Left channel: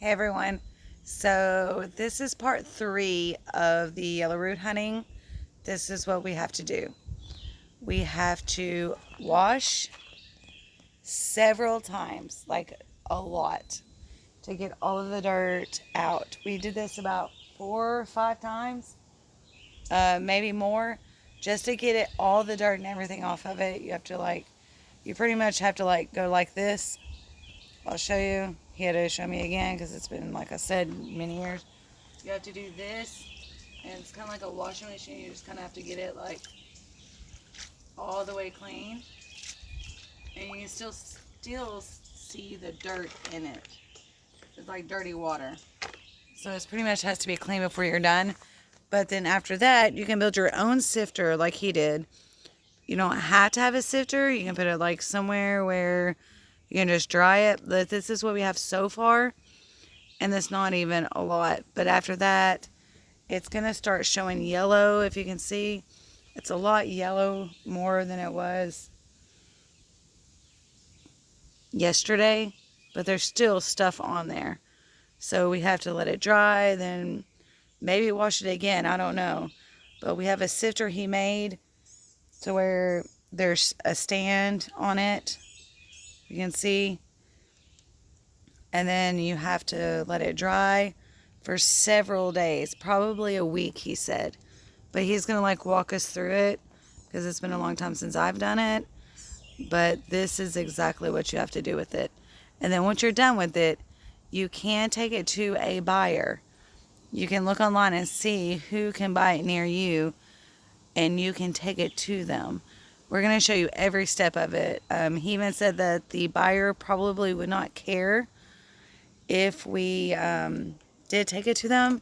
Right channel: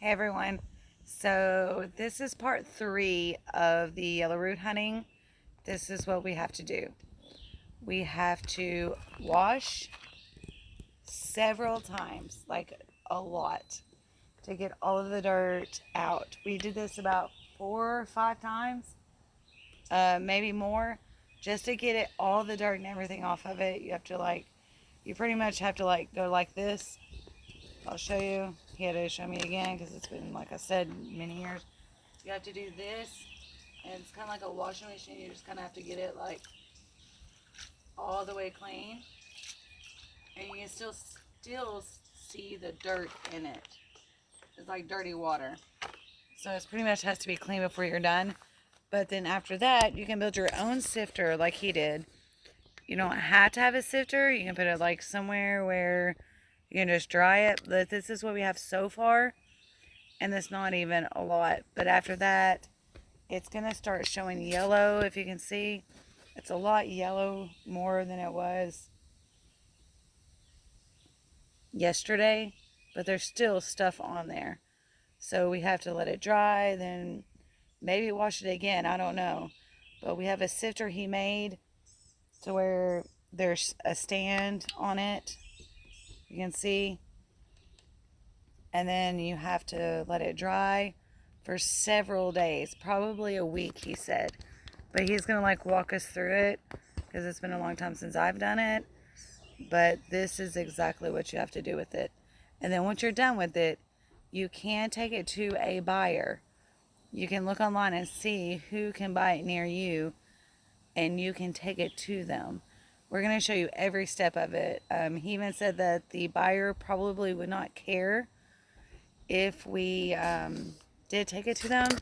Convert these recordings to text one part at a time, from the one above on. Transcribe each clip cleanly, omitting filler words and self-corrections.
Hey everyone. So this is part 3 of the yellow root hunting. This is what we have to do. We have to wash several times, like a lot, to get all of the dirt out. We did this about 4 or 5 times, maybe more, just to get it all the dirt and everything off of it. You pretty much have to go like this. I'll show you. He had to show me again because it's been, like I said, many years. You have to do this, and it's kind of like a washing machine. You just kind of have to get it like all the way clean, and you can still see the dirt in it. It's like dirty water. So it's pretty much has to be clean before you're done. But then after that, you can build your own sifter like he did. You don't have to have a sifter. You can put it like somewhere where you can just dry it. But this is what we have so far, and it's not even a lot. But after that, it's going to start showing yellow. If you can see, it's a lot yellow more than it was yesterday, but there's still stuff on there. So we have to let it dry, then maybe wash it again. I don't know. But we have a sifter he made to where there's a stand on it. You can see. And then you have to let it dry for several days, probably a week, he said. But he's going to walk us through it because it's been a long time since I've done it. But this is exactly what you have to do with it. And then once you're done with it, you can take it to a buyer. You can look online and see who can buy it near you, and you can take it to them. We're going to show you every step of it. He even said that the buyer probably would not care if we did take it to them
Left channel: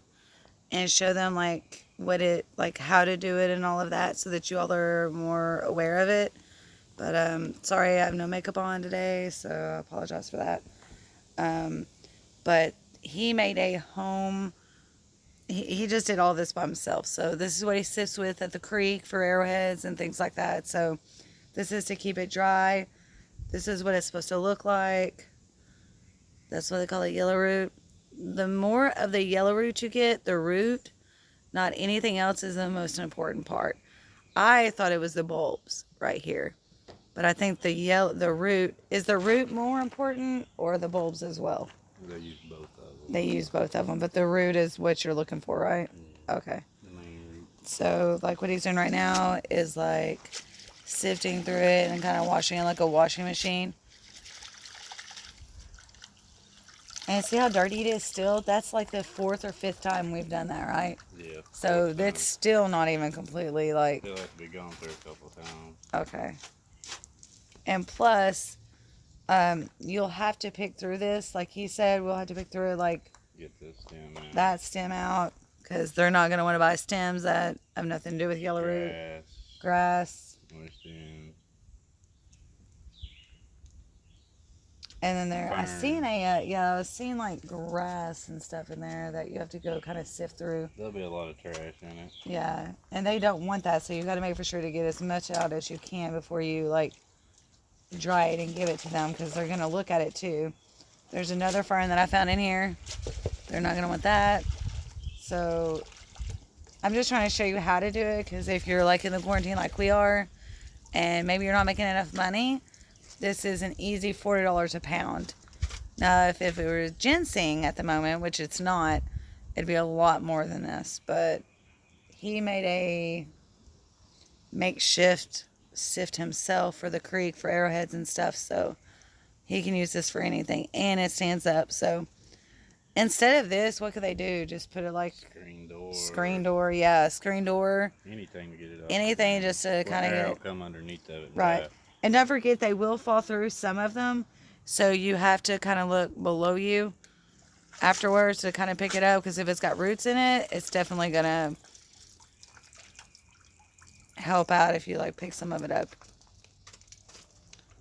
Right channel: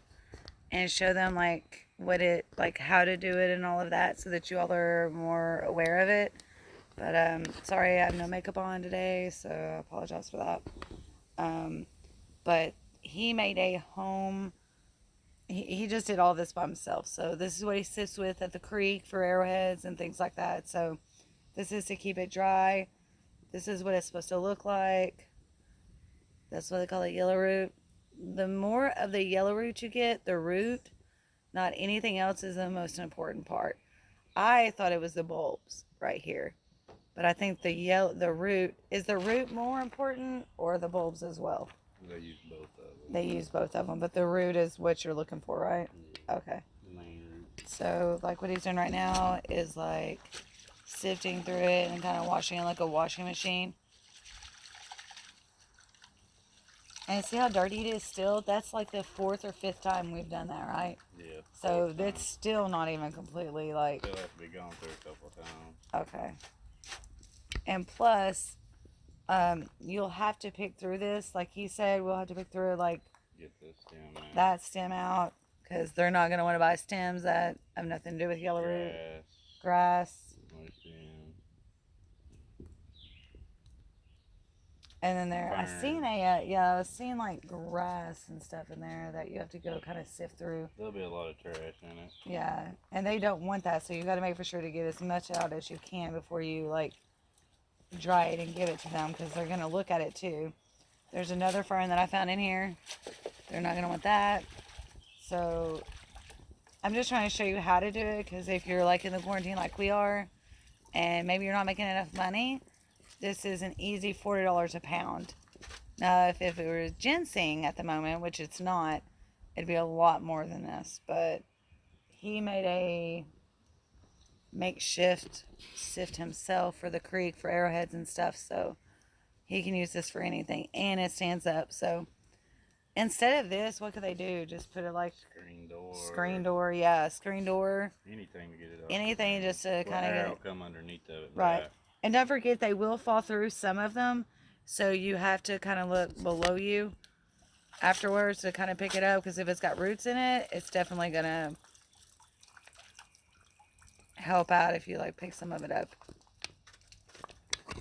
and show them how to do it and all of that, so that you all are more aware of it. But sorry, I have no makeup on today, so I apologize for that. But he made a home. He just did all this by himself. So this is what he sifts with at the creek for arrowheads and things like that. So this is to keep it dry. This is what it's supposed to look like. That's what they call it, yellow root. The more of the yellow root you get, the root, not anything else, is the most important part. I thought it was the bulbs right here. But I think the root, is the root more important, or the bulbs as well? They use both of them. They use both of them, but the root is what you're looking for, right? Yeah, Okay. the main root. So like what he's doing right now is like sifting through it and kind of washing it like a washing machine. And see how dirty it is still? That's like the 4th or 5th time we've done that, right? Yeah. So that's still not even completely like... Still have to be gone through a couple of times. Okay. And plus, you'll have to pick through this. Like he said, we'll have to pick through it, Get this stem out. that stem out, because they're not going to want to buy stems that have nothing to do with yellow root. Grass. Understand. And then there, I was seeing like grass and stuff in there that you have to go kind of sift through. There'll be a lot of trash in it. Yeah, and they don't want that, so you got to make for sure to get as much out as you can before you dry it and give it to them, because they're gonna look at it too. There's another fern that I found in here. They're not gonna want that. So I'm just trying to show you how to do it, because if you're in the quarantine like we are, and maybe you're not making enough money, this is an easy $40 a pound. Now, if it were ginseng at the moment, which it's not, it'd be a lot more than this. But he made a makeshift sift himself for the creek for arrowheads and stuff, so he can use this for anything, and it stands up. So instead of this, what could they do? Just put it screen door. Screen door. Anything to get it up. Anything just to kind of get it. Come underneath of it. Right. And don't forget, they will fall through, some of them. So you have to kind of look below you afterwards to kind of pick it up, because if it's got roots in it, it's definitely going to help out if you pick some of it up.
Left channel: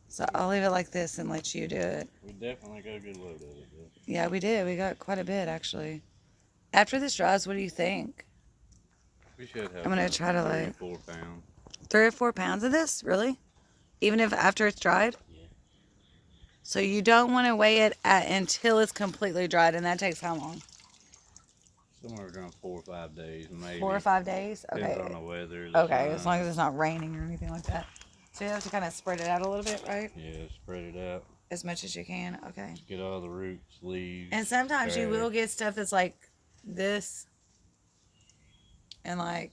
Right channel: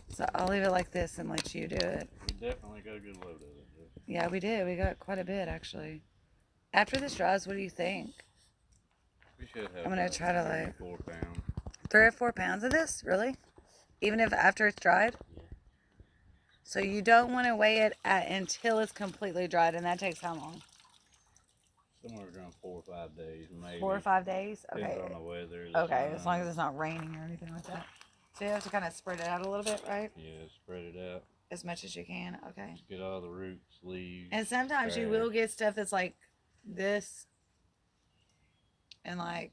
So I'll leave it like this and let you do it. We definitely got a good load of it. Though. Yeah, we did. We got quite a bit, actually. After this dries, what do you think? We should have. I'm going to try to 3 or 4 pounds. 3 or 4 pounds of this? Really? Even if after it's dried? Yeah. So you don't want to weigh it until it's completely dried, and that takes how long? Somewhere around 4 or 5 days, maybe. 4 or 5 days? Depends Okay. on the weather. The Okay, as long sun. as it's not raining or anything like that. So you have to kind of spread it out a little bit, right? Yeah, spread it out. As much as you can. Okay. Get all the roots, leaves. And sometimes you will get stuff that's like this and like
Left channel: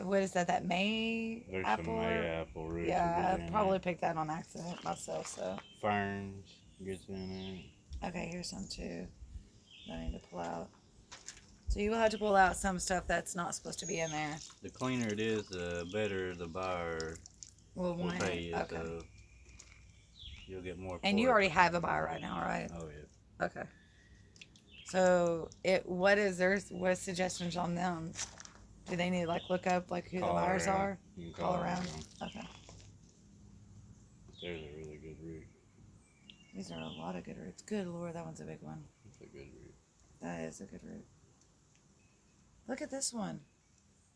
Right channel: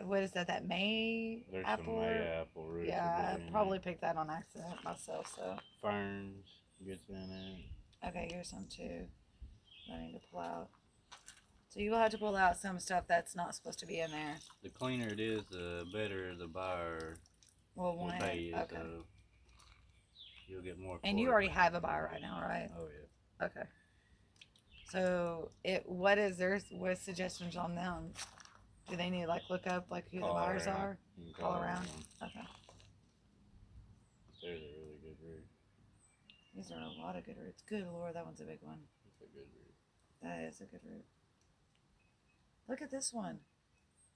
what is that? That May There's apple? some May apple roots. Yeah, that I get probably in picked that on accident myself. So there. Ferns gets in okay, here's some too. I need to pull out. So you will have to pull out some stuff that's not supposed to be in there. it. The cleaner it is, the better the buyer We'll will want pay it. you. Okay. So you'll get more. And for you it. already have a buyer right now, right? Oh yeah. Okay. So what suggestions on them? Do they need to like look up like who Call the buyers around. are? You can Call around. them. Okay. There's a really good root. These are a lot of good roots. Good Lord, that one's a big one. It's a good root. That is a good root. Look at this one.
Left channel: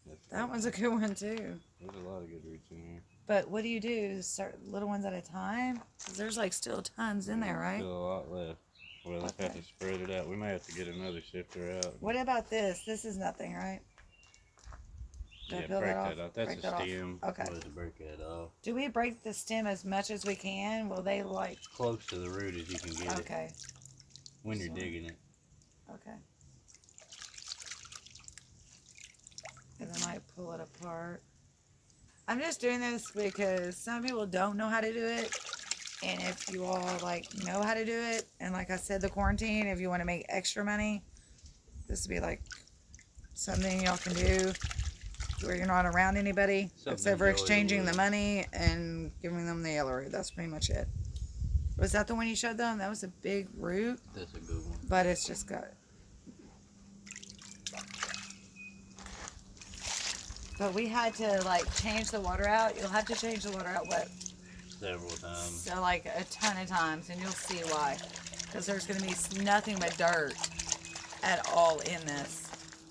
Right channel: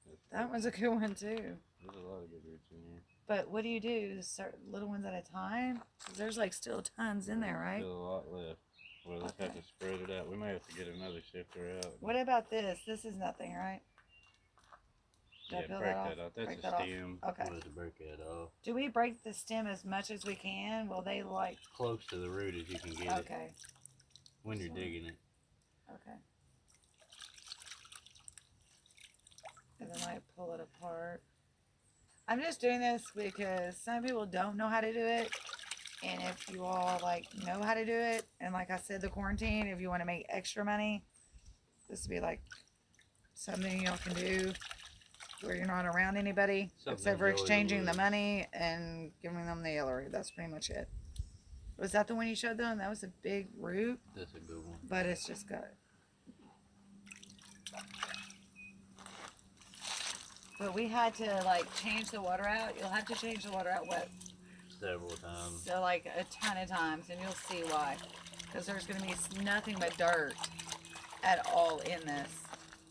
That's That good. one's a good one too. There's a lot of good roots in here. But what do you do? Start little ones at a time? 'Cause there's like still tons in there, right? Still a lot left. We'll have Okay. to spread it out. We may have to get another sifter out. What about this? This is nothing, right? Did I Yeah, peel break that that off? off. That's Break a that off. stem. Okay. We'll have to break that off. Do we break the stem as much as we can? Will they like? Close to the root as you can get it Okay. when you're So- digging it. Okay. And then like pull it apart. I'm just doing this because some people don't know how to do it. And if you all like know how to do it, and like I said, the quarantine, if you want to make extra money, this would be like something y'all can do where you're not around anybody Something except for enjoyable. exchanging the money and giving them the yellow root. That's pretty much it. Was that the one you showed them? That was a big root, That's a good one. but it's just got. But we had to like change the water out. You'll have to change the water out what? Several times. So like a ton of times, and you'll see why. Because there's going to be nothing but dirt at all in this.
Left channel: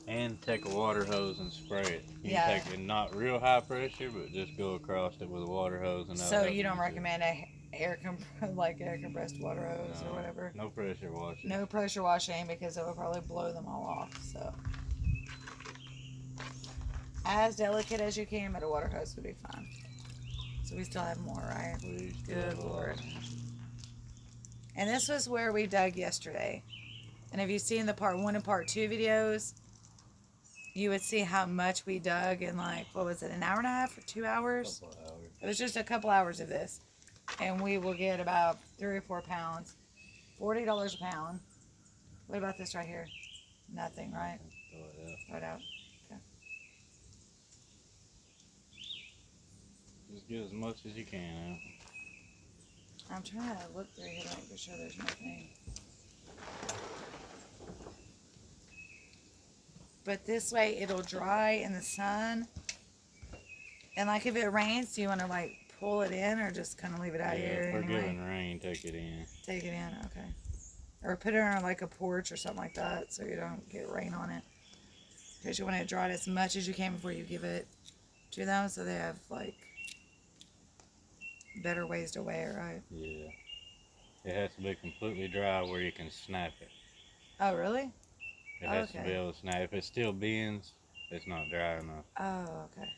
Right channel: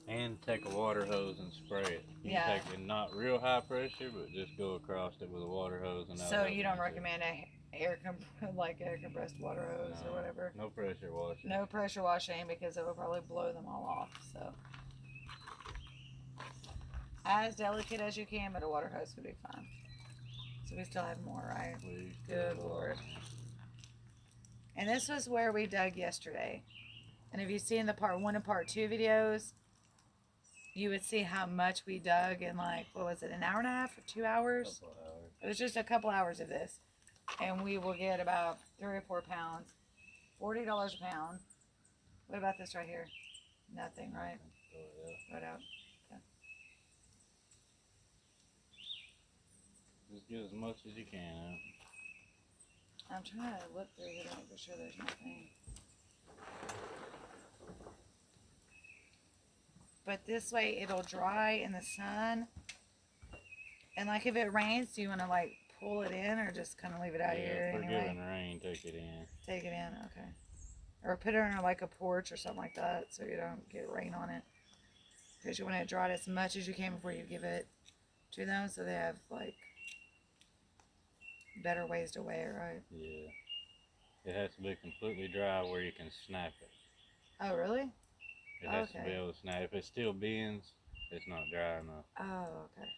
And take a water hose and spray it. You Yeah. can take it not real high pressure, but just go across it with a water hose. And So you don't recommend a air compressed water hose or whatever. No pressure washing. No pressure washing because it will probably blow them all off. So as delicate as you can, but a water hose would be fine. So we still have more, right? Please. Good Lord. And this was where we dug yesterday. And if you've seen the part 1 and part 2 videos, you would see how much we dug in like, what was it, an hour and a half or 2 hours? Couple of hours. It was just a couple hours of this. And we will get about 3 or 4 pounds. $40 a pound. What about this right here? Nothing, right? Throw it out. Throw it out. Okay. Just get as much as you can. I'm trying to look through here to make sure there's nothing. But this way it'll dry in the sun. And like if it rains, do you want to like pull it in or just kind of leave it out Yeah, here if we're anyway? getting rain, take it in. Take it in, okay. Or put it on like a porch or something like that so you don't get rain on it. Because you want it dried as much as you can before you give it to them so they have like better ways to weigh it, right? Yeah. It has to be completely dry where you can snap it. Oh, really? It has to Okay. be able to snap. If it still bends, it's not dry enough. Oh, okay.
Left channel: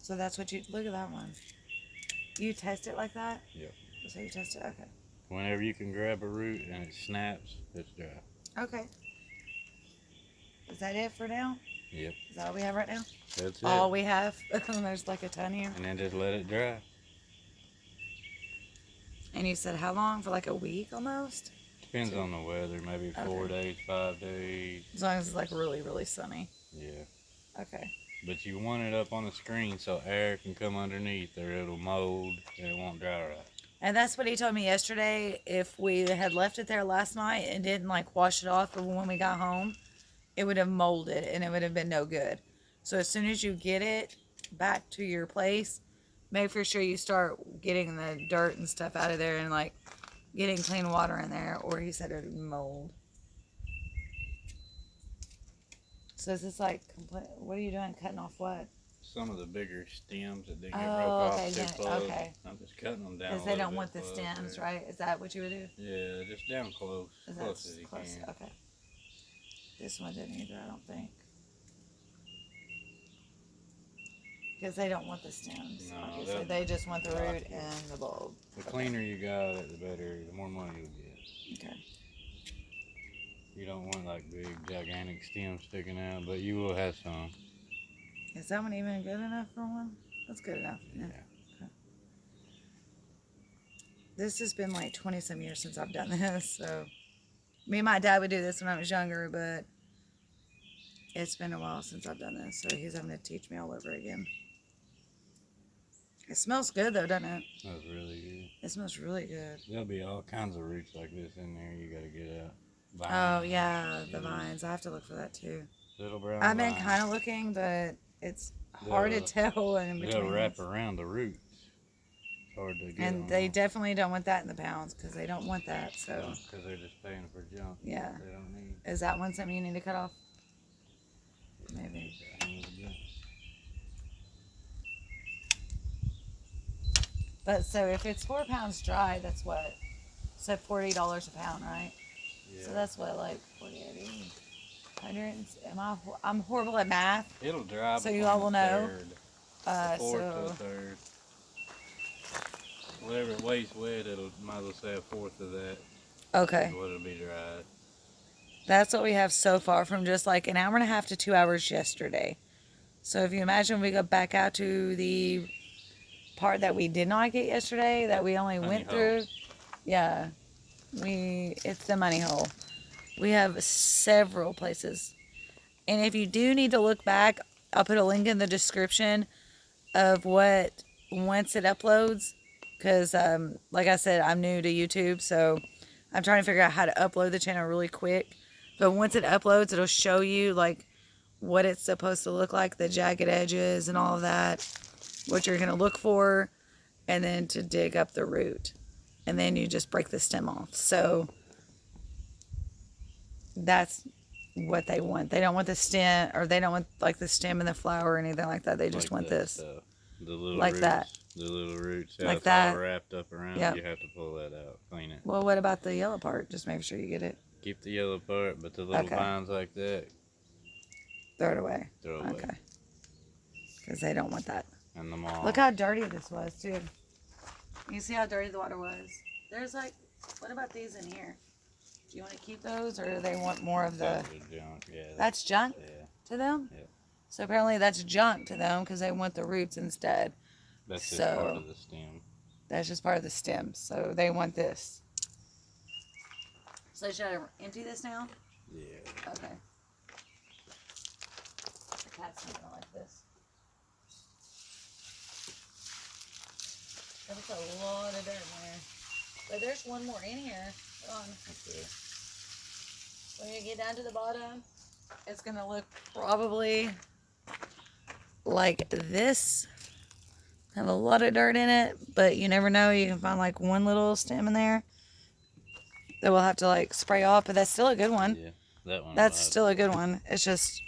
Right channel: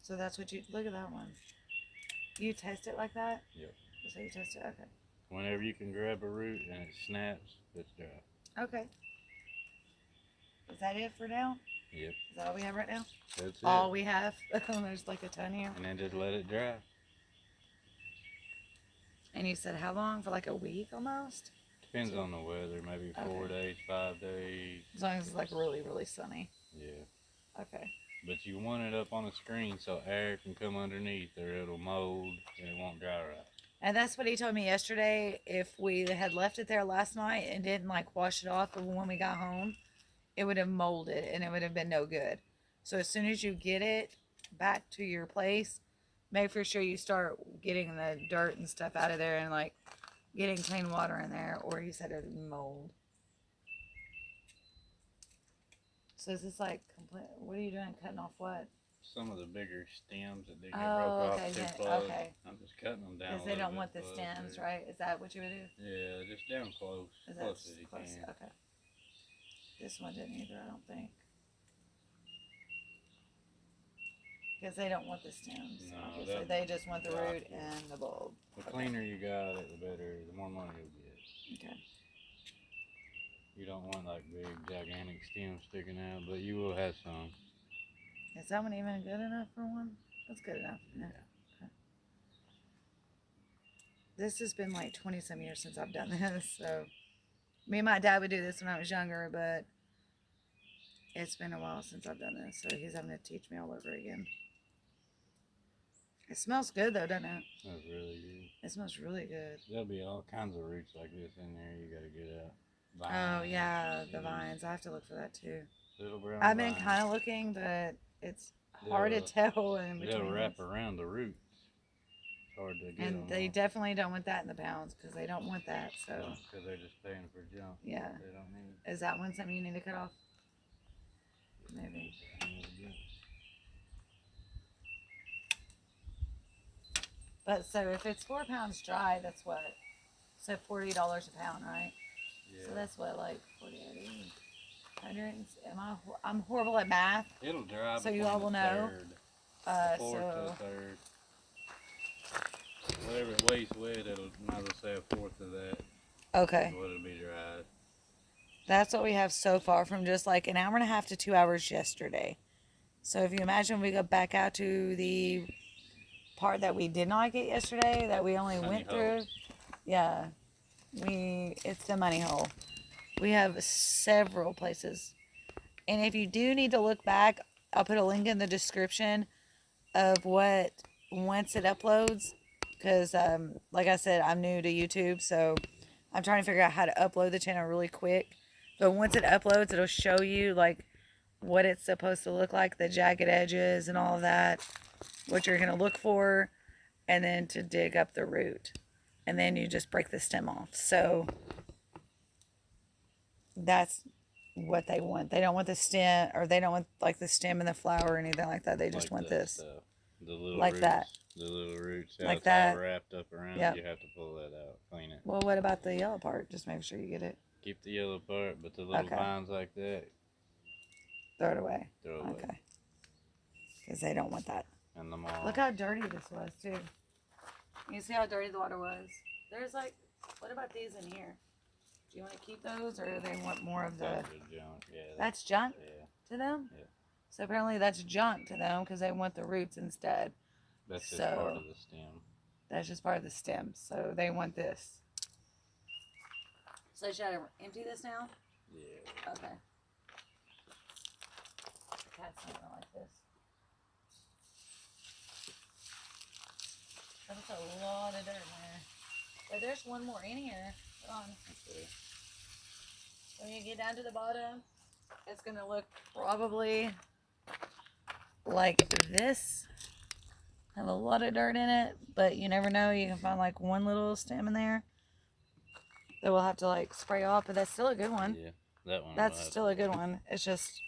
So that's what you, look at that one. You test it like that? Yeah. So you test it, okay. Whenever you can grab a root and it snaps, it's dry. Okay. Is that it for now? Yep. Is that all we have right now? That's it. All we have? There's like a ton here. And then just let it dry. And you said how long? For like a week almost? Depends on the weather. Maybe 4 Okay. days, 5 days. As long as it's like really, really sunny. Yeah. Okay. But you want it up on the screen so air can come underneath or it'll mold and it won't dry right. And that's what he told me yesterday. If we had left it there last night and didn't like wash it off when we got home, it would have molded and it would have been no good. So as soon as you get it back to your place, make for sure you start getting the dirt and stuff out of there and like getting clean water in there, or he said it would mold. So is this like complete? What are you doing? Cutting off what? some of the bigger stems that they get Oh, broke okay, off too yeah, close. okay. I'm just cutting them down. Because they don't want the stems, right? Is that what you would do? Yeah, just down close, Is close that as you close? can. Okay. This one didn't either, I don't think. Because they don't want the stems. No, Okay, so they just want the root and the bulb. The Okay. cleaner you got it, the better, the more money you'll get. Okay. You don't want like big, gigantic stems sticking out, but you will have some. Is that one even good enough for one? That's good enough. Yeah. Okay. This has been like 20 some years since I've done this, so me and my dad would do this when I was younger, but it's been a while since I've done this, so he's having to teach me all over again. It smells good though, doesn't it? That's really good. It smells really good. There'll be all kinds of roots like this in there. You gotta get out. Oh yeah, the vines. I have to look for that too. Little brown I've been vines. kind of looking, but it's hard to tell in They'll between. wrap around the roots. It's hard to get. And they definitely don't want that in the pounds because they don't want that. So because they're just paying for junk. yeah, They don't need. is that one something you need to cut off? Maybe. But so if it's 4 pounds dry, that's what? So $40 a pound, right? Yeah. So that's what, like 48, 100. I'm horrible at math. It'll dry. So you all will know. A fourth to a So third. Whatever it weighs with, it'll might as well say a fourth of that. okay, Is what it'll be dried. that's what we have so far from just like an hour and a half to 2 hours yesterday. So if you imagine we go back out to the part that we did not get yesterday, that we only went through, yeah, it's the money hole. We have several places, and if you do need to look back, I'll put a link in the description of what once it uploads, because like I said, I'm new to YouTube, so I'm trying to figure out how to upload the channel really quick. But once it uploads, it'll show you like what it's supposed to look like, the jagged edges and all of that, what you're going to look for, and then to dig up the root. And then you just break the stem off. So that's what they want. They don't want the stem, or they don't want like the stem and the flower or anything like that. They just want this. Stuff. The little like roots, that. The little roots. Like It's that. all wrapped up around. Yep. You have to pull that out, clean it. Well, what about the yellow part? Just make sure you get it. Keep the yellow part, but the little Okay. vines like that, Throw it away. throw away. Okay. Because they don't want that. And the moss. Look how dirty this was, too. You see how dirty the water was? There's like, what about these in here? Do you want to keep those, or do they want more of the... Those are junk. Yeah. That's junk Yeah. to them? Yeah. So apparently that's junk to them because they want the roots instead. That's just So- part of the stem. That's just part of the stem. So they want this. So should I empty this now? Yeah. Okay. The cat's not gonna like this. That was a lot of dirt in there. But there's one more in here. Hold on. Okay. When you get down to the bottom, it's gonna look probably like this. Have a lot of dirt in it, but you never know. You can find like one little stem in there that we'll have to like spray off, but that's still a good one. Yeah. That one. That's still a good one. It's just,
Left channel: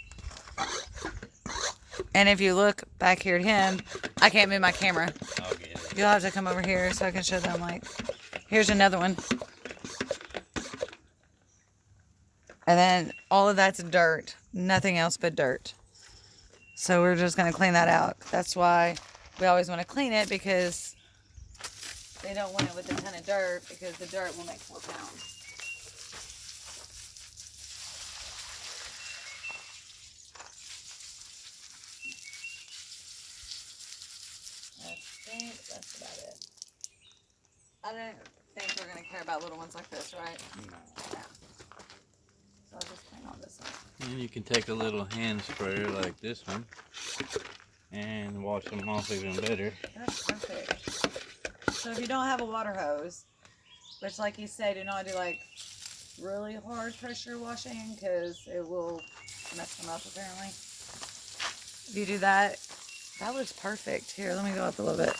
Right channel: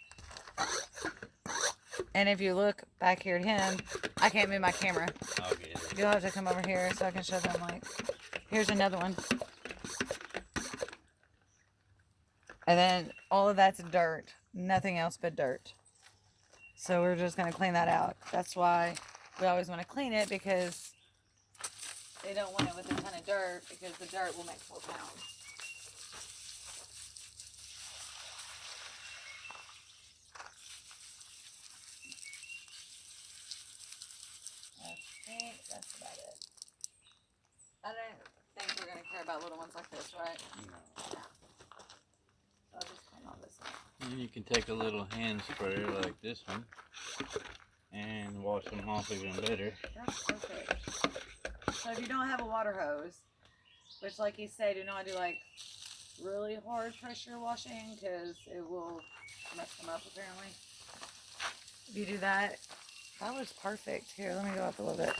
and if you look back here at him, I can't move my camera. I'll get it. You'll have to come over here so I can show them. Like, here's another one. And then all of that's dirt. Nothing else but dirt. So we're just going to clean that out. That's why we always want to clean it, because they don't want it with a ton of dirt, because the dirt will make 4 pounds. I think that's about it. I don't think we're going to care about little ones like this, right? No. So I'll just clean all this up. And you can take a little hand sprayer like this one and wash them off even better. That's perfect. So if you don't have a water hose, which like you say, do not do like really hard pressure washing, because it will mess them up apparently. If you do that, that looks perfect. Here, let me go up a little bit.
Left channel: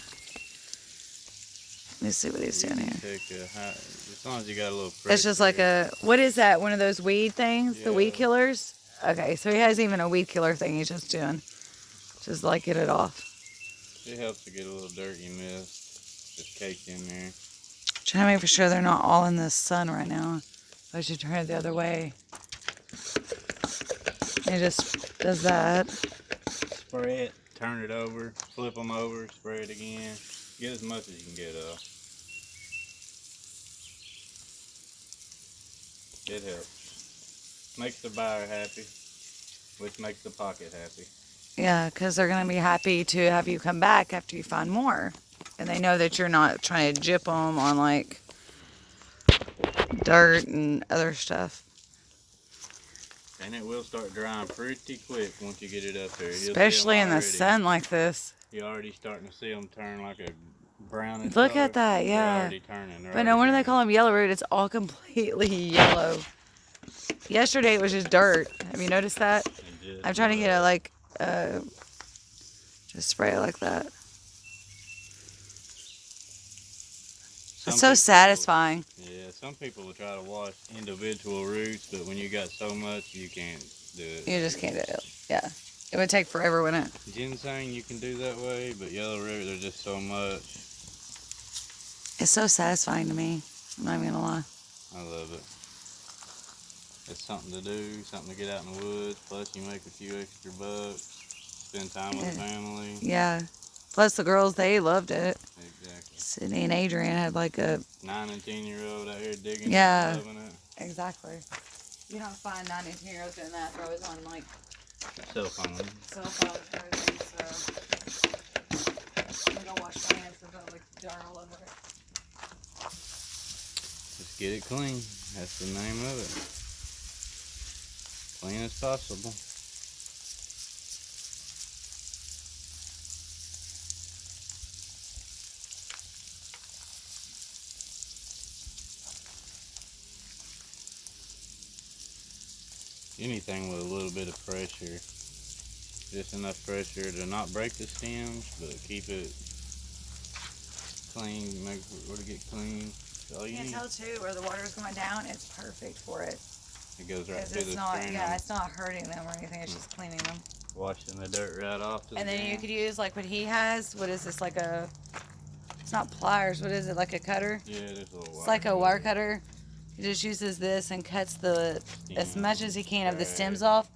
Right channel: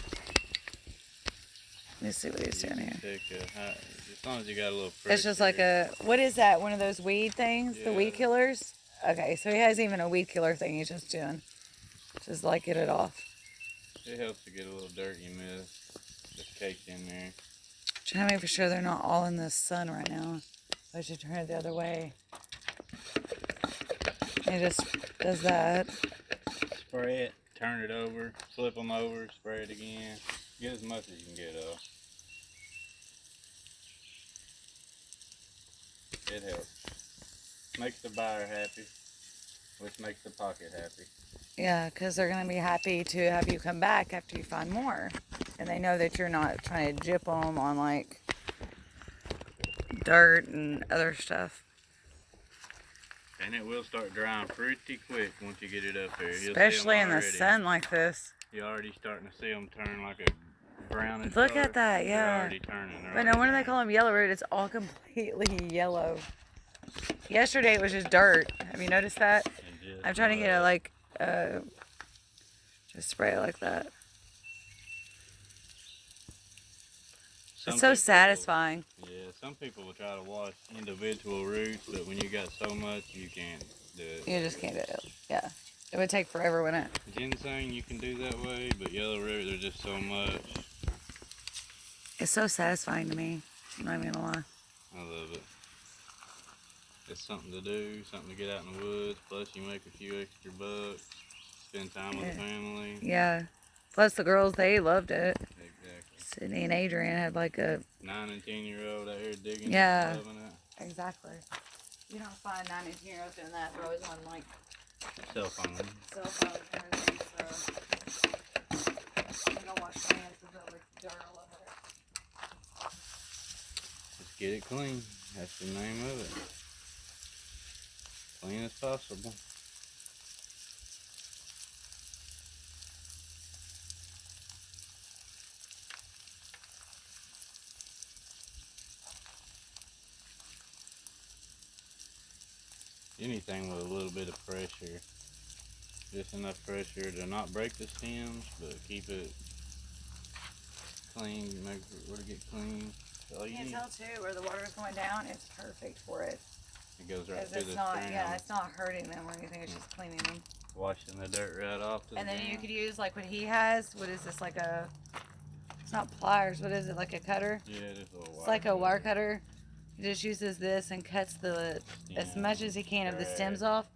Let me see what he's doing here. As long as you got a little It's just like a, what is that? One of those weed things? The weed Yeah. killers? Okay, so he has even a weed killer thing he's just doing. Just like get it off. It helps to get a little dirty mist just caked in there. Trying to make for sure they're not all in the sun right now. I should turn it the other way. It just does that. Spray it, turn it over, flip them over, spray it again. Get as much as you can get of. It helps. Makes the buyer happy, which makes the pocket happy. Yeah, because they're going to be happy to have you come back after you find more. And they know that you're not trying to jip them on like dirt and other stuff. And it will start drying pretty quick once you get it up there. Especially in the sun like this. You're already starting to see them turn like a brownish Look color. at that, yeah. They're already turning. But no wonder they call them yellow root. It's all completely yellow. Yesterday it was just dirt. Have you noticed that? I'm trying to get it like, just spray it like that. It's so satisfying. Yeah, some people will try to wash individual roots, but when you got so much, you can't do it. You just can't do it. Yeah. It would take forever, wouldn't it? Ginseng you can do that way, but yellow root, there's just so much. It's so satisfying to me. I'm not even gonna lie. I love it. It's something to do, something to get out in the woods, plus you make a few extra bucks, spend time with the family. Yeah. Plus the girls, they loved it. Exactly. Sydney and Adrian had like a 9 and 10-year-old out here digging Yeah. and loving it. Exactly. You don't find 9 and 10-year-olds doing that. They're always on like Cell phone. cell phones and everything. So I'm gonna wash my hands and put like dirt all over it. Let's get it clean. That's the name of it. Clean as possible. Anything with a little bit of pressure, just enough pressure to not break the stems, but keep it clean, make it to get clean. That's all You you can need. tell too where the water's going down. It's perfect for it. It goes right Because through it's the not, string. yeah, it's not hurting them or anything. It's just cleaning them. Washing the dirt right off. And then you could use like what he has. What is this? Like a, it's not pliers. What is it? Like a cutter? Yeah, just a little It's like a wire cutter. He just uses this and cuts the as much as he can of the stems off,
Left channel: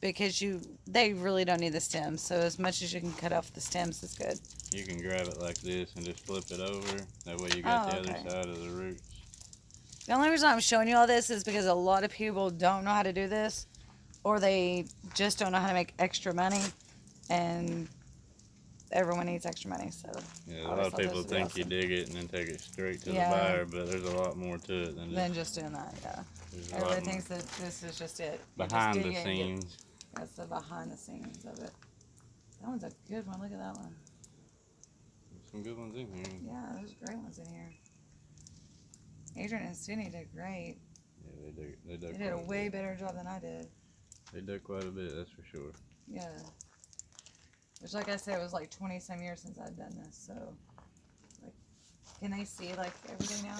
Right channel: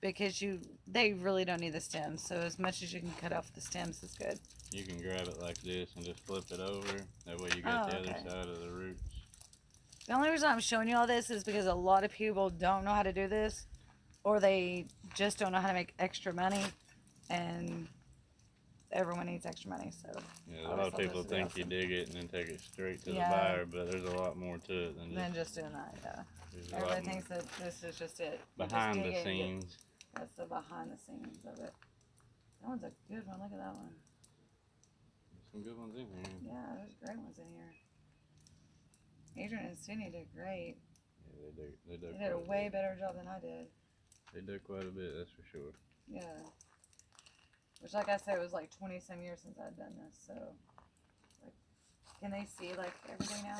because they really don't need the stems. So as much as you can cut off the stems is good. You can grab it like this and just flip it over. That way you got the other side of the roots. The only reason I'm showing you all this is because a lot of people don't know how to do this, or they just don't know how to make extra money, and everyone needs extra money. So Yeah, a lot of people think you dig it and then take it straight to Yeah. the buyer, but there's a lot more to it than just doing that. Yeah, there's a everybody lot more thinks that this is just it. You just behind dig the it and scenes. that's the behind the scenes of it. That one's a good one. Look at that one. There's some good ones in here. Yeah, there's great ones in here. Adrian and Sydney did great. Yeah, they They did did a quite way bit. better job than I did. They did quite a bit, that's for sure. Yeah. Which, like I said, it was like 20 some years since I'd done this. So, like, can they see like everything now?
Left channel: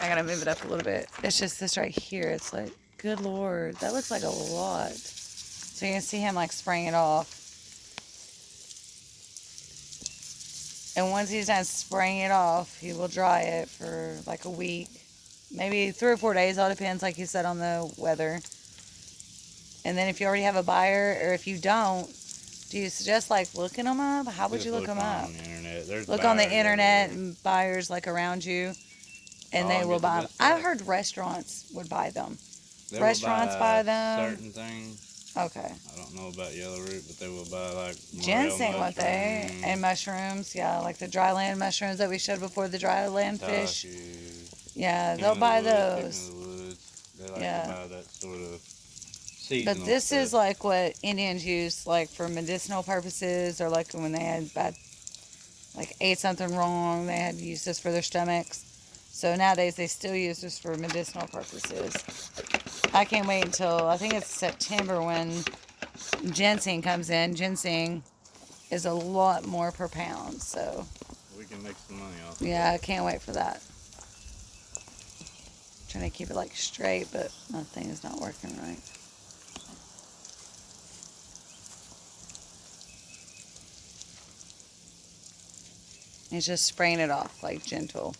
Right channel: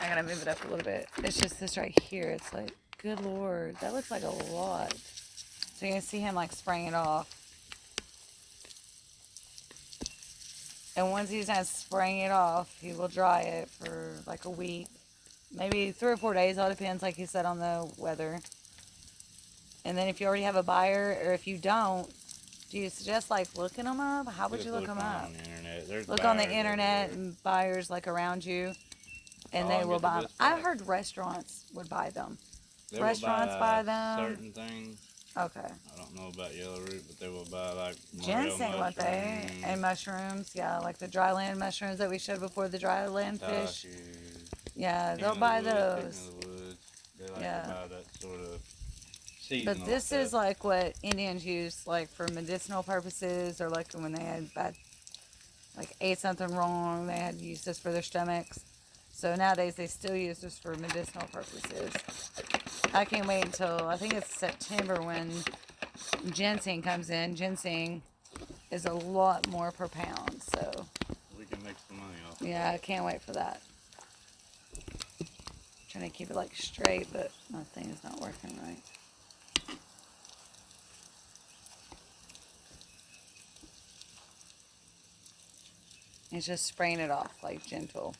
I gotta move it up a little bit. It's just this right here. It's like, good lord, that looks like a lot. So you can see him like spraying it off. And once he's done spraying it off, he will dry it for like a week, maybe 3 or 4 days. All depends, like you said, on the weather. And then if you already have a buyer, or if you don't, do you suggest like looking them up? How would Just you look them up? on the internet. There's Look on the buyers internet everywhere. and buyers like around you, and they I'll will get the buy them. best I've price. heard restaurants would buy them. They will restaurants buy them. Certain things. Okay. I don't know about yellow root, but they will buy like morel Ginseng, won't they? mushrooms, And mushrooms, yeah, like the dry land mushrooms that we showed before, the dry land fish. tashu, Yeah, king they'll of the buy woods, those. king of the woods. They like Yeah. to buy that sort of seasonal But this stuff. is like what Indians use, like for medicinal purposes, or like when they had bad, like ate something wrong, they had to use this for their stomachs. So nowadays they still use this for medicinal purposes. I can't wait until, I think it's September when ginseng comes in. Ginseng is a lot more per pound, so we can make some money off of yeah, I it. can't wait for that. Trying to keep it like straight, but my thing is not working right. It's just spraying it off, like gentle.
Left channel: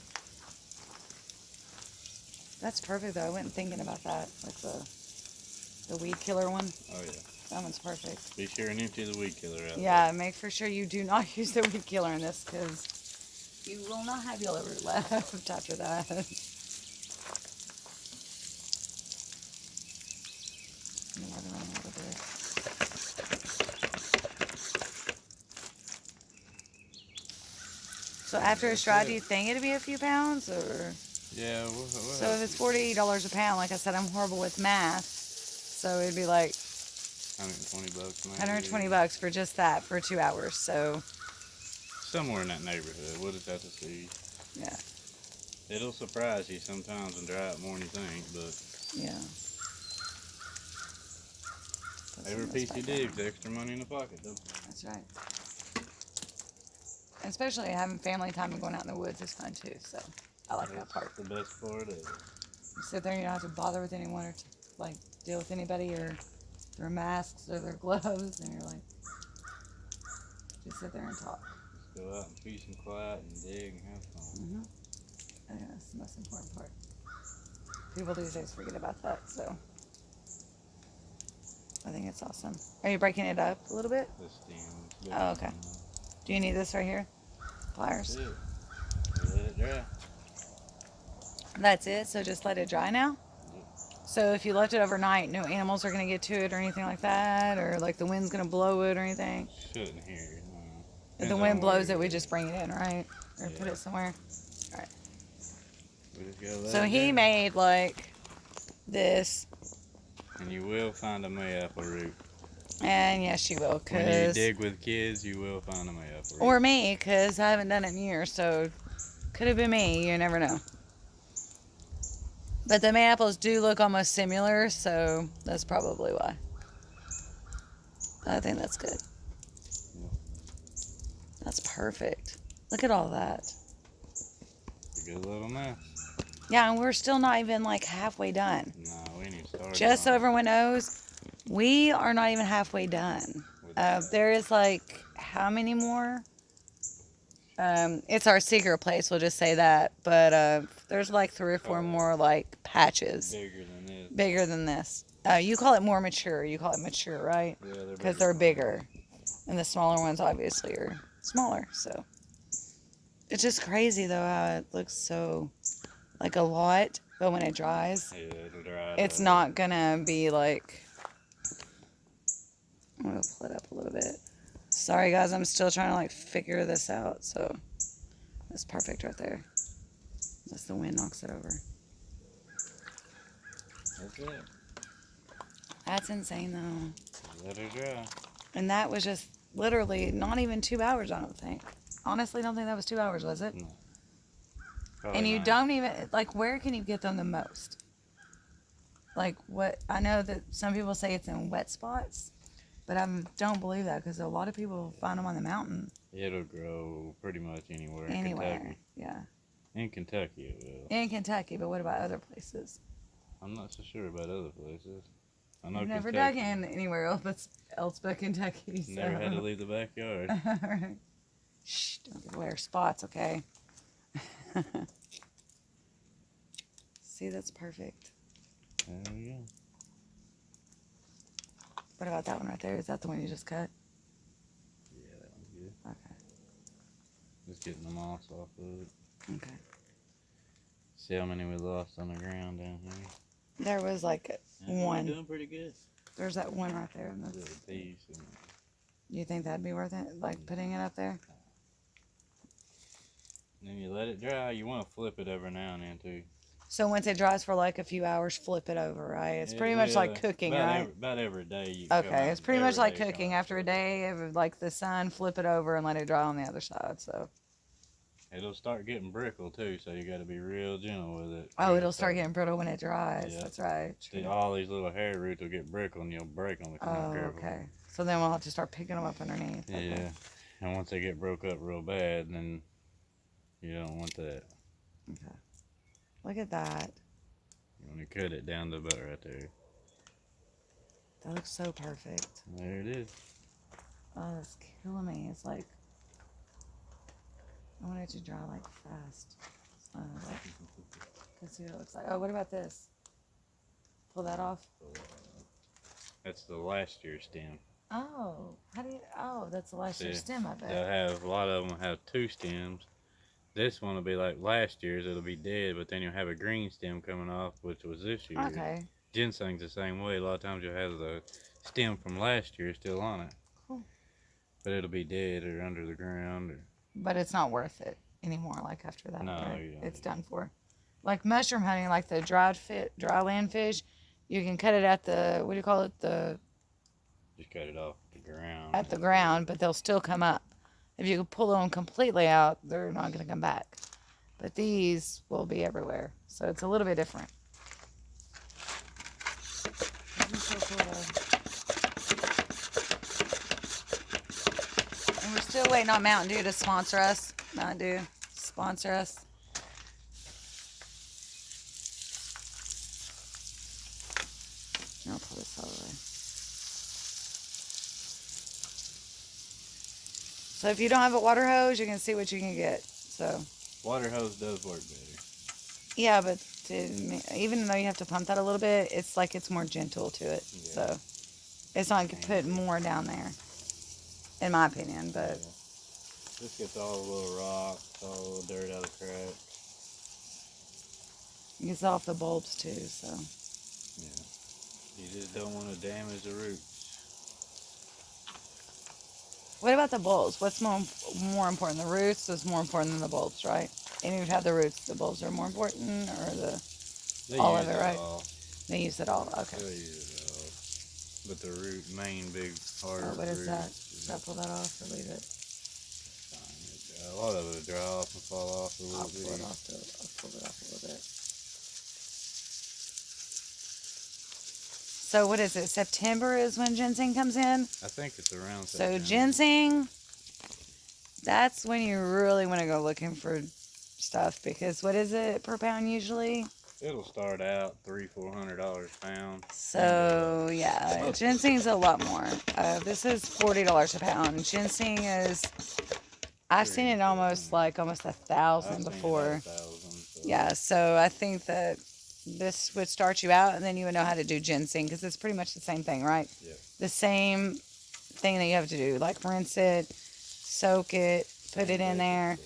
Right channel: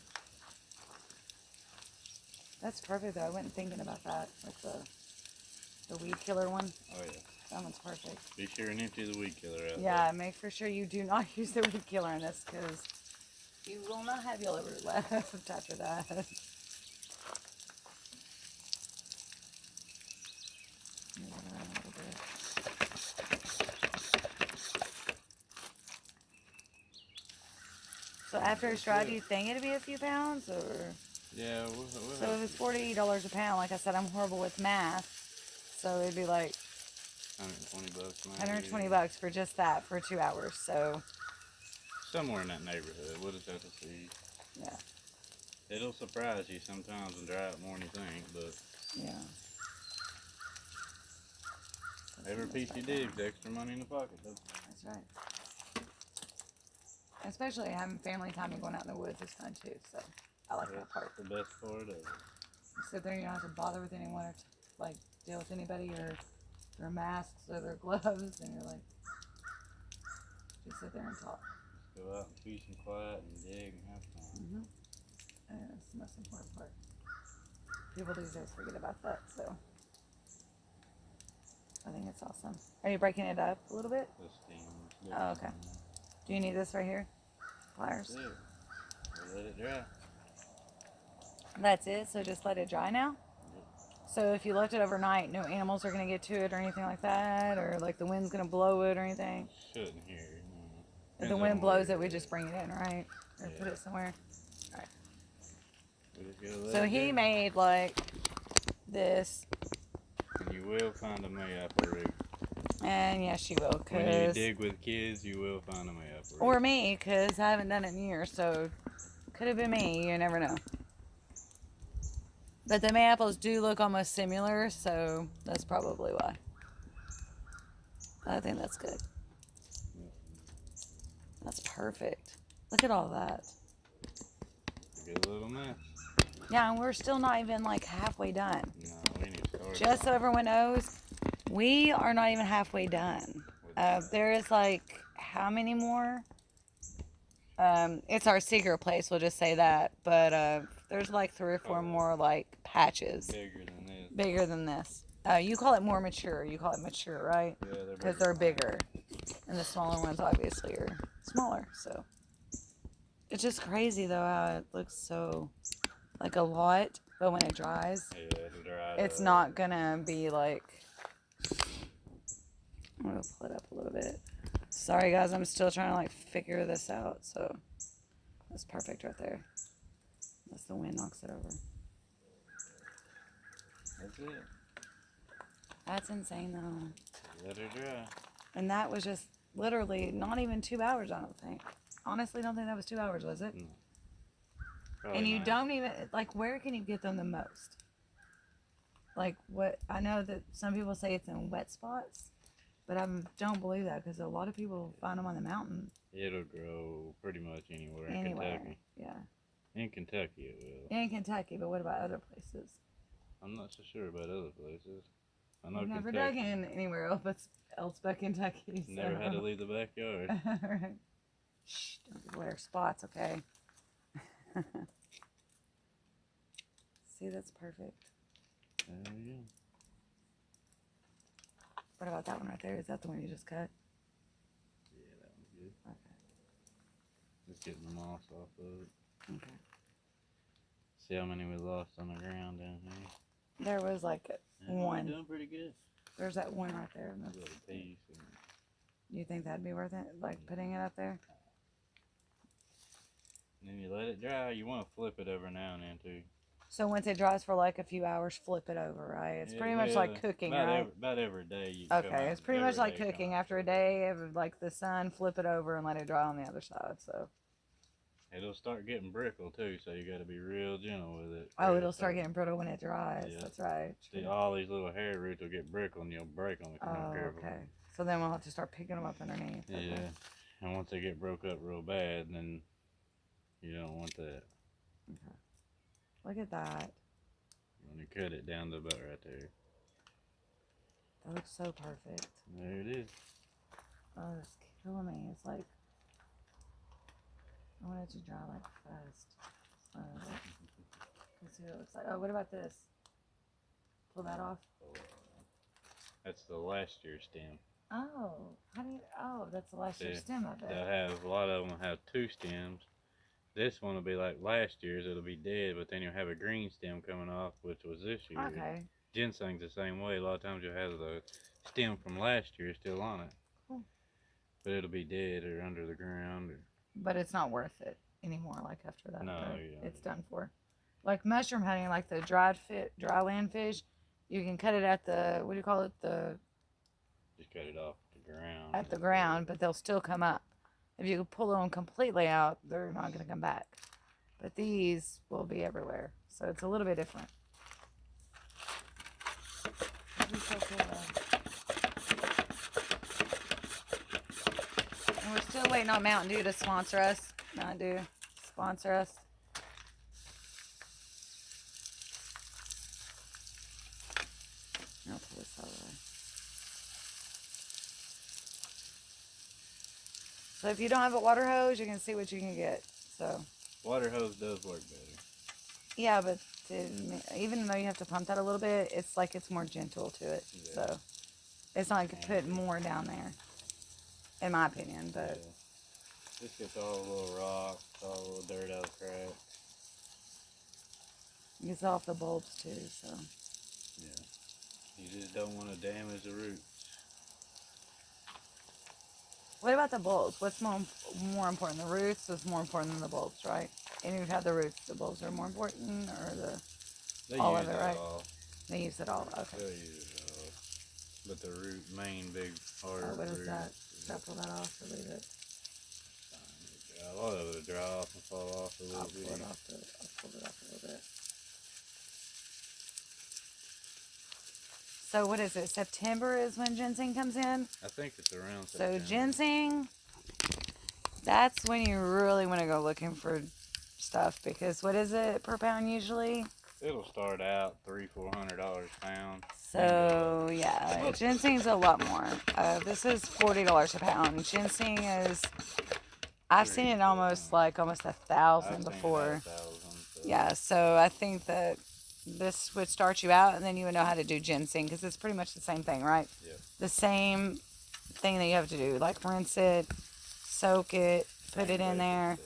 That's perfect though. I wasn't thinking about that. That's the weed killer one. Oh yeah. That one's perfect. Be sure and empty the weed killer out. Yeah, make for sure you do not use the weed killer in this because you will not have yellow root left after that. Another one over there. So after it's dry, do you think it'd be a few pounds or? Yeah. So if it's $40 a pound, like I said, I'm horrible with math. So it'd be like $120 maybe. $120 for just that for 2 hours. So Somewhere in that neighborhood. We'll just have to see. yeah, It'll surprise you sometimes and dry it more than you think, but yeah. every piece you dig's extra money in the pocket, though. That's right. Especially having family time and going out in the woods is fun too. So I like that part. That's the best part of it. You sit there and you don't have to bother with anyone or like deal with anybody or their masks or their gloves, and you're like, just sit there and talk. Just go out and peace and quiet and dig and have fun. I think that's the most important part. People these days forget about that, so I think it's awesome. Are you breaking it up a little bit? The stem. Oh, okay. Do you need this right here? Pliers? That's it. You let it dry. That's it? So just let it dry now? So if you left it overnight, no animals are going to get to it or anything like that? Or like the wind's going to blow it or anything? Shouldn't hear. If the wind blows it, we just bring it in, right? Or put it somewhere? Alright. We just gotta let So it he dry. made like this. And you will find a mayapple root. And yes, you will. When you Cause, dig with kids, you will find a mayapple root. or me, because I haven't done it in years. So could have been me. You never know. But the mayaples do look almost similar, so that's probably why. I think that's good. That's perfect. Look at all that. It's a good little mess. Yeah, and we're still not even like halfway done. No, we need to start. Just so everyone knows, we are not even halfway done. There is like, how many more? It's our secret place, we'll just say that. But there's like 3 or 4 more like patches Bigger than this. bigger than this. You call it more mature. You call it mature, right? Yeah, they're Because they're bigger. And the smaller ones obviously are smaller. So it's just crazy though how it looks so like a lot, but when it dries, Yeah, it'll dry. it's not gonna be like. I'm gonna pull it up a little bit. Sorry guys, I'm still trying to like figure this out. So that's perfect right there. Unless the wind knocks it over. That's it. That's insane though. Let her dry. And that was just literally not even 2 hours, I don't think. Honestly, don't think that was 2 hours, was it? No. And you not. don't even, like, where can you get them the most? Like, what, I know that some people say it's in wet spots, but I don't believe that because a lot of people find them on the mountain. It'll grow pretty much anywhere in Anywhere, Kentucky. yeah. In Kentucky it will. In Kentucky, but what about other places? I'm not so sure about other places. I know I've never Kentucky. dug in anywhere else but Kentucky. So. Never had to leave the backyard. Right. Shh, don't give away our spots, okay? See, that's perfect. There you go. What about that one right there? Is that the one you just cut? Yeah, that one's good. Okay. Just getting the moss off of it. Okay. See how many we lost on the ground down here? There was like Yeah, one. We're doing pretty good. There's that one right there. And Little piece. And you think that'd be worth it? Like putting it up there? then you let it dry. You want to flip it every now and then too. So once it dries for like a few hours, flip it over, right? It's It pretty much like will. cooking, about right? About every day you can come Okay, out it's pretty much every like day cooking. come out After a with day of like the sun, flip it over and let it dry on the other side. So. it. It'll start getting brittle too, so you got to be real gentle with it. Oh, it'll start getting brittle when it dries. Yeah. That's right. See, all these little hair roots will get brittle and you'll break them if you're not Oh, careful. okay. So then we'll have to start picking them up underneath. Okay. Yeah, and once they get broke up real bad, then you don't want that. Okay. Look at that. You want to cut it down to about right there. That looks so perfect. There it is. Oh, it's killing me. It's like, I want it to dry like fast. Let's see what it looks like. Oh, what about this? Pull that off. That's the last year's stem. Oh, how do you? Oh, that's the last year's See, stem. I bet. They'll have, a lot of them have two stems. This one will be like last year's. It'll be dead, but then you'll have a green stem coming off, which was this year. Okay. Ginseng's the same way. A lot of times you'll have the stem from last year still on it. Cool. But it'll be dead or under the ground. Or... But it's not worth it anymore. Like after that, No, right? yeah. It's done for. Like mushroom hunting, like the dry land fish, you can cut it at the, what do you call it? Just cut it off the ground. At the ground, but they'll still come up. If you pull them completely out, they're not going to come back. But these will be everywhere. So it's a little bit different. That'd be so cool, though. And we're still waiting on Mountain Dew to sponsor us. Mountain Dew, sponsor us. I'll pull this out of the way. So if you don't have a water hose, you can see what you can get. So Water hose does work better. yeah, but even though you have to pump that a little bit, it's like it's more gentle to it. Yeah. So it's not like you put more down there, in my opinion. But This gets all the little rocks, all the dirt out of the cracks. it gets off the bulbs too. So Yeah. You just don't want to damage the roots. what about the bulbs? What's more important? The roots is more important than the bulbs, right? And you've had the roots. The bulbs are more important, or They all use of it, right? all. They use it all. Okay. They use it all. But the root, main big hard Oh, what is that? roots, Should I pull that off or leave it? a lot of it will dry off and fall off a little I'll bit. pull it off. I'll pull it off a little bit. So what is it? September is when ginseng comes in. I think it's around So September. ginseng, that's when you really want to go looking for stuff, because what is it per pound usually? It'll start out $300-400 a pound. So yeah, ginseng's a lot more. This is $40 a pound. Ginseng is, I've seen it almost 1,000 before. Yeah, so I think that this would start you out, and then you would know how to do ginseng, because it's pretty much the same thing, right? Yeah. The same thing that you have to do, like rinse it, soak it, put it in there.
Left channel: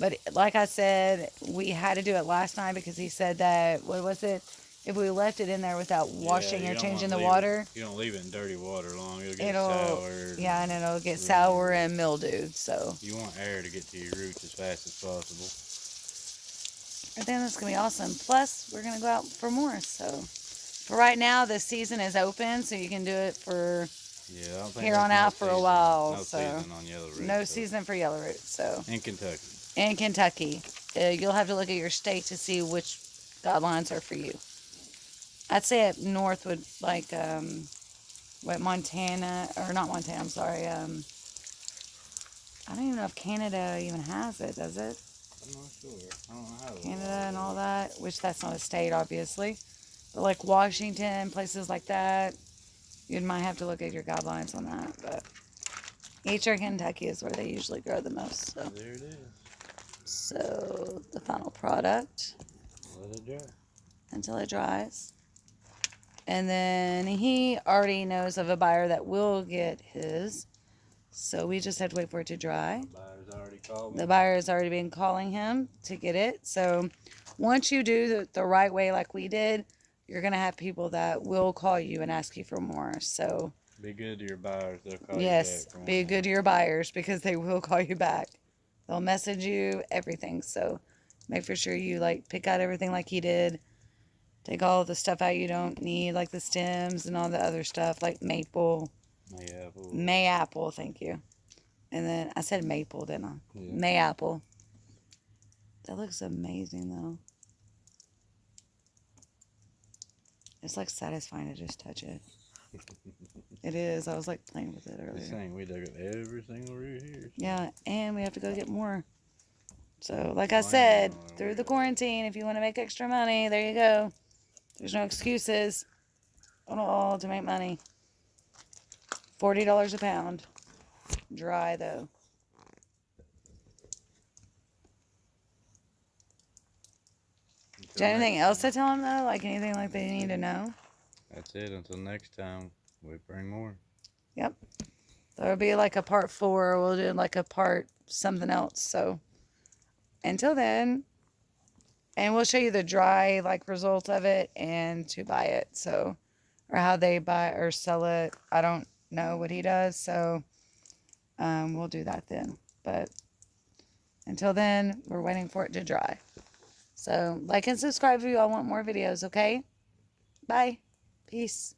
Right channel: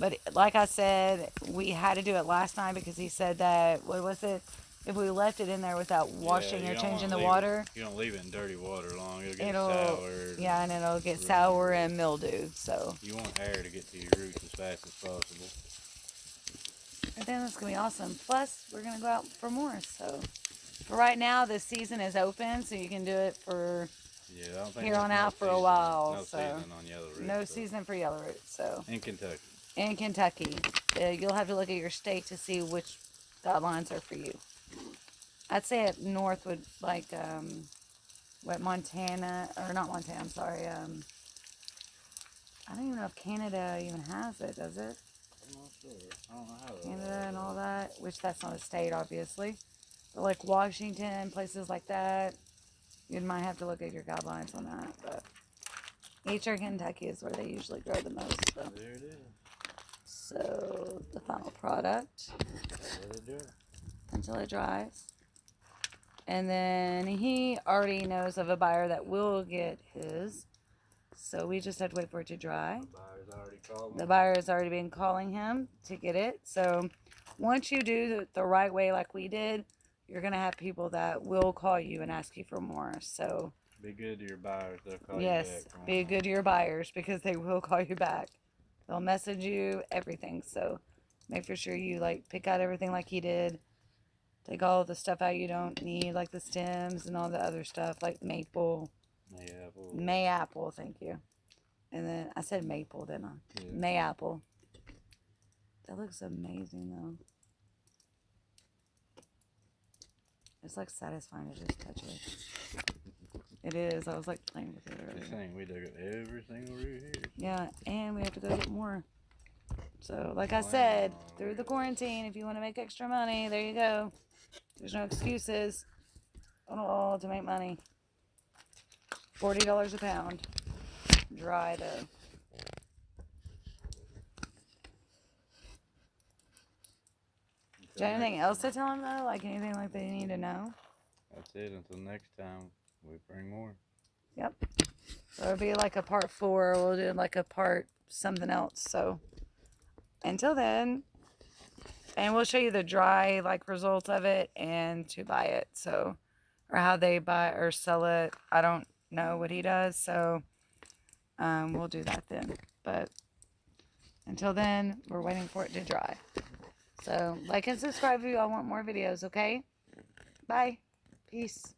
But like I said, we had to do it last night because he said that, what was it? If we left it in there without washing or changing the water, You don't leave it in dirty water long. It'll get sour. yeah, and it'll get sour and mildewed. So You want air to get to your roots as fast as possible. I think that's gonna be awesome. Plus, we're gonna go out for more. So for right now, the season is open, so you can do it for Yeah, I don't think here there's on no out for a season- while. No So season on yellow roots. no season for yellow root. So In Kentucky. in Kentucky, you'll have to look at your state to see which guidelines are for you. I'd say up north would Montana, or not Montana, I'm sorry. I don't even know if Canada even has it, does it? I'm not sure. I don't know how they Canada are. and all that, which that's not a state, obviously. But like Washington, places like that, you might have to look at your guidelines on that. But Eastern Kentucky is where they usually grow the most. So, There it is. so the final product Let it dry. until it dries. And then he already knows of a buyer that will get his. So we just have to wait for it to dry. The buyer's already called me. The buyer has already been calling him to get it. So once you do the right way like we did, you're going to have people that will call you and ask you for more. So Be good to your buyers. They'll call yes, you back. be good to your buyers, because they will call you back. They'll message you, everything. So make for sure you pick out everything like he did. Take all the stuff out you don't need, like the stems and all the other stuff, like maple. Mayapple, thank you. And then I said maple, didn't I? Yeah. Mayapple. That looks amazing, though. It's satisfying to just touch it. It is. I was playing with it Just earlier. saying, we dug at every single root here. Yeah, and we have to go get more. So, like I said, through the quarantine, if you want to make extra money, there you go. There's no excuses at all to make money. $40 a pound. Dry, though. Do you have anything next else time. to tell them though? Like anything like they need to know? That's it. Until next time, we bring more. Yep. There'll be like a part 4. We'll do like a part something else. So until then, and we'll show you the dry like results of it and to buy it. So, or how they buy or sell it. I don't know what he does. So we'll do that then. But until then, we're waiting for it to dry. So like and subscribe if you all want more videos. Okay. Bye. Peace.